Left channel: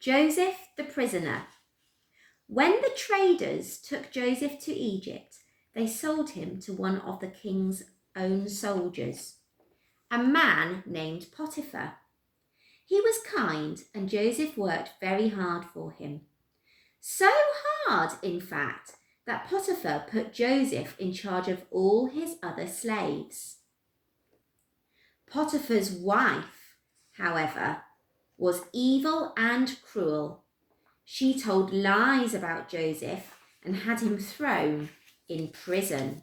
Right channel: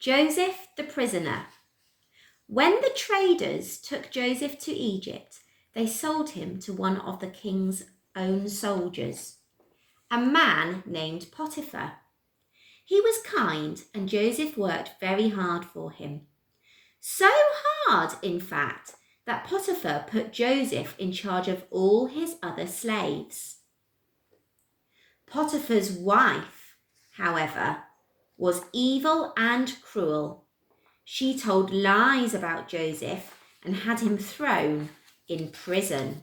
Joseph the prisoner. When the traders took Joseph to Egypt, they sold him to one of the king's own soldiers, a man named Potiphar. He was kind and Joseph worked very hard for him. So hard, in fact, that Potiphar put Joseph in charge of all his other slaves. Potiphar's wife, however, was evil and cruel. She told lies about Joseph and had him thrown in prison.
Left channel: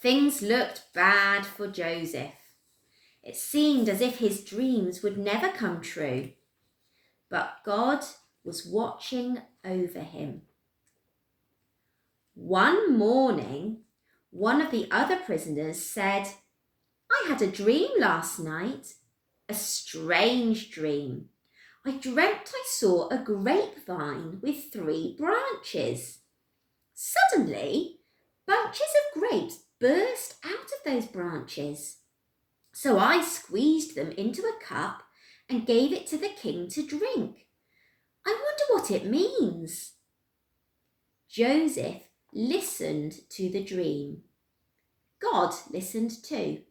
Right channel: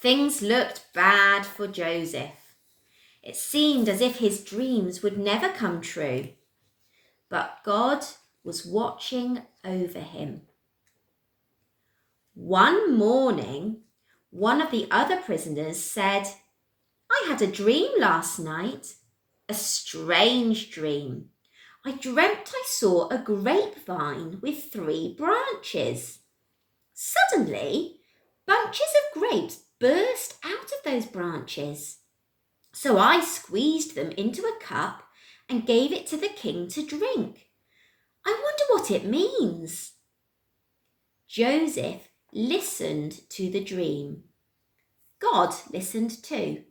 Things looked bad for Joseph. It seemed as if his dreams would never come true. But God was watching over him. One morning, one of the other prisoners said, "I had a dream last night, a strange dream. I dreamt I saw a grapevine with 3 branches. Suddenly, bunches of grapes burst out of those branches. So I squeezed them into a cup and gave it to the king to drink. I wonder what it means." Joseph listened to the dream. God listened too.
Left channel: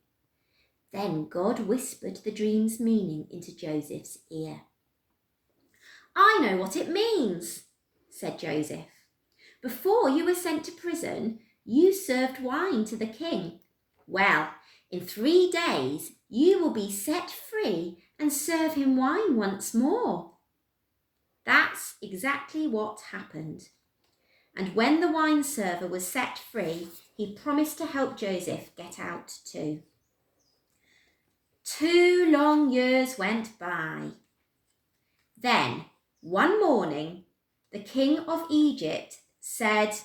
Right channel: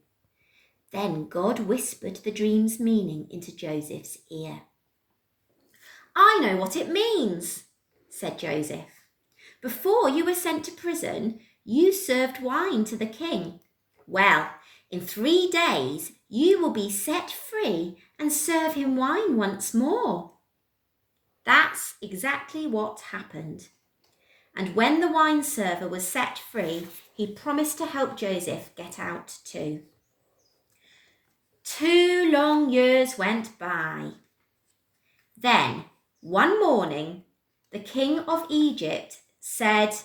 Then God whispered the dream's meaning into Joseph's ear. "I know what it means," said Joseph. "Before you were sent to prison, you served wine to the king. Well, in 3 days, you will be set free and serve him wine once more." That's exactly what happened. And when the wine server was set free, he promised to help Joseph get out too. 2 long years went by. Then, one morning, the king of Egypt said,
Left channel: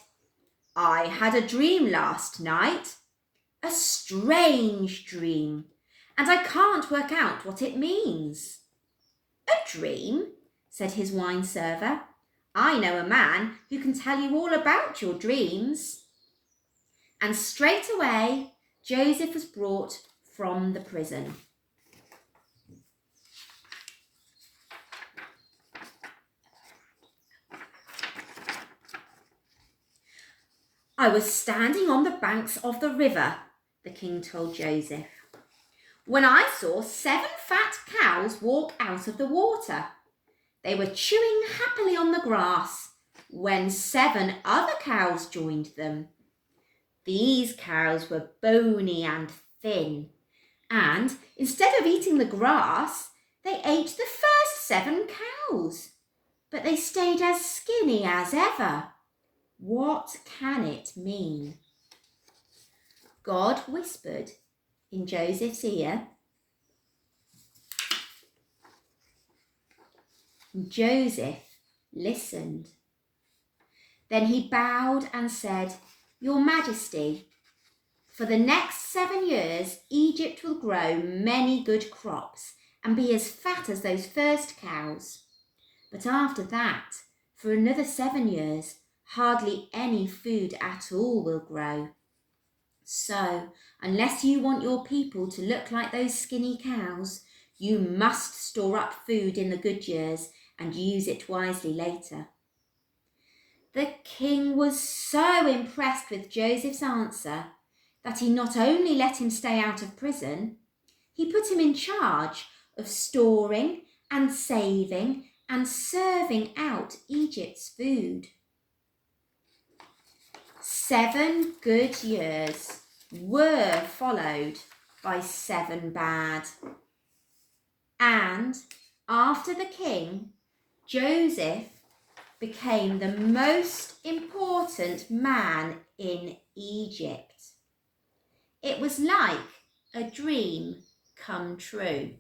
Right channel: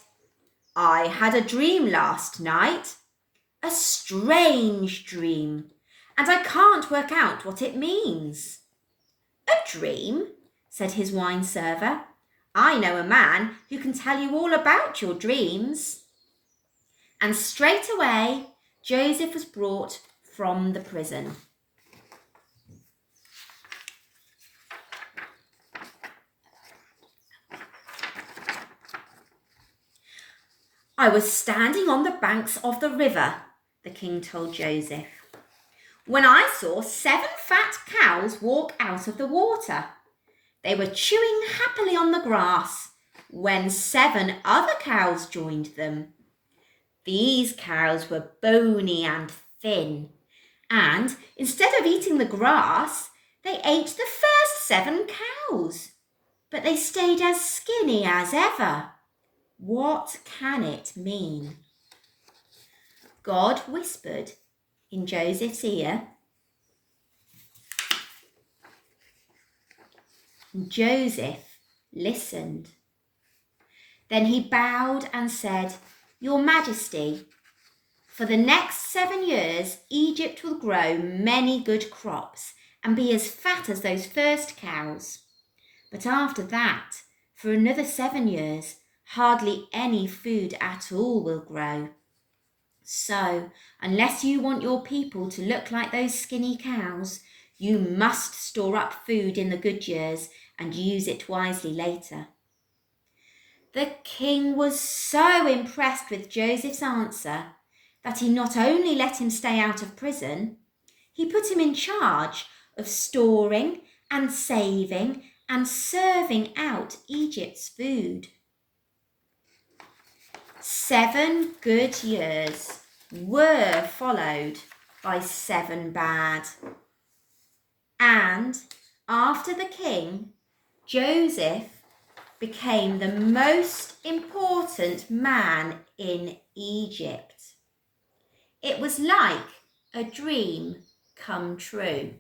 "I had a dream last night, a strange dream, and I can't work out what it means." "A dream?" said his wine server. "I know a man who can tell you all about your dreams." And straight away, Joseph was brought from the prison. "I was standing on the banks of the river," the king told Joseph, "when I saw 7 fat cows walk out of the water. They were chewing happily on the grass when 7 other cows joined them. These cows were bony and thin, and instead of eating the grass, they ate the first 7 cows, but they stayed as skinny as ever. What can it mean?" God whispered in Joseph's ear. Joseph listened. Then he bowed and said, "Your Majesty, for the next 7 years, Egypt will grow many good crops and be as fat as those first cows. But after that, for another 7 years, hardly any food at all will grow. So, unless you want your people to look like those skinny cows, you must store up food in the good years and use it wisely later." The king was so impressed with Joseph's answer that he not only let him stay out of prison, he put him in charge of storing and saving and serving out Egypt's food. 7 good years were followed by 7 bad. And after the king, Joseph became the most important man in Egypt. It was like a dream come true.